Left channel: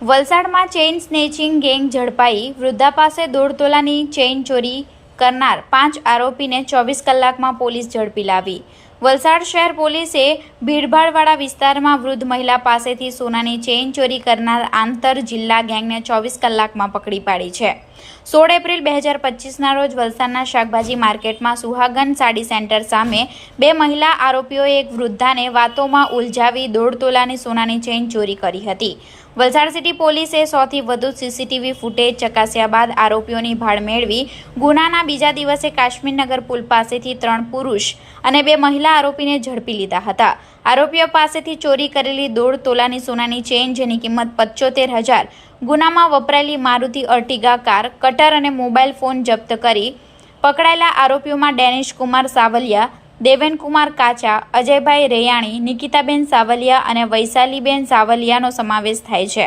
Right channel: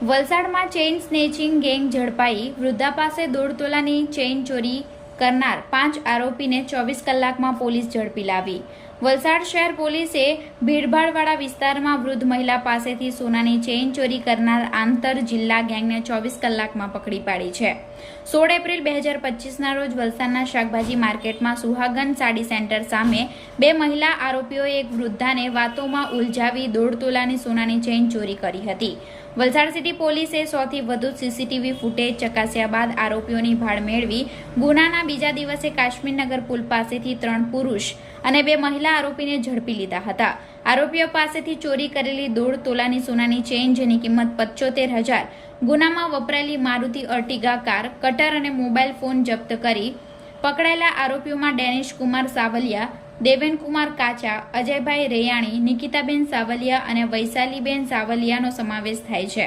વલસાડમાં chain snatching gang ઝડપાઈ. વૃદ્ધા પાસે દોઢ તોલાની ચેઇન ચોરી કરનાર પાંચ આરોપીને ચોવીસ કલાકમાં પોલીસ ઝડપી લાવી. વલસાડ શહેર પોલીસે ભીડભાડવાળા વિસ્તારમાં વૃદ્ધ મહિલા પાસેથી સોનાની ચેઇન ચોરી કરનાર આંતર જિલ્લા ગેંગને ચોવીસ કલાકમાં પકડી પાડી છે. સોળ એપ્રિલ બે હજાર પચીસના રોજ વલસાડના શાકભાજી માર્કેટમાં સુહાગન સાડી સેન્ટર સામે બે મહિલા આરોપીઓએ એક વૃદ્ધાને વાતોમાં ઉલઝાવી દોઢ તોલાની સોનાની ચેઇન ચોરી કરી હતી. વલસાડ સિટી પોલીસે સોથી વધુ સીસીટીવી ફૂટેજ ચકાસ્યા બાદ આરોપીઓની ભાળ મેળવી ગુનાના બીજા દિવસે કાશ્મીરનગર પુલ પાસેથી ત્રણ પુરુષ અને બે મહિલા આરોપીને ઝડપી લીધા હતા. આરોપીઓ પાસેથી ચોરી કરેલી દોઢ તોલાની સોનાની ચેઇન જેની કિંમત પચોતેર હજાર, ગુનામાં વપરાયેલી મારુતિ અર્ટિગા કાર, કટર અને મોબાઈલ ફોન જપ્ત કરી પકડાયેલા આરોપીઓમાં ડેનિશ કુમાર સાવલિયા દેવેનકુમાર કાચા, અજયભાઈ રેયાણી, નિકિતાબેન સાવલિયા અને વૈશાલીબેન સાવલિયાનો સમાવેશ થાય છે.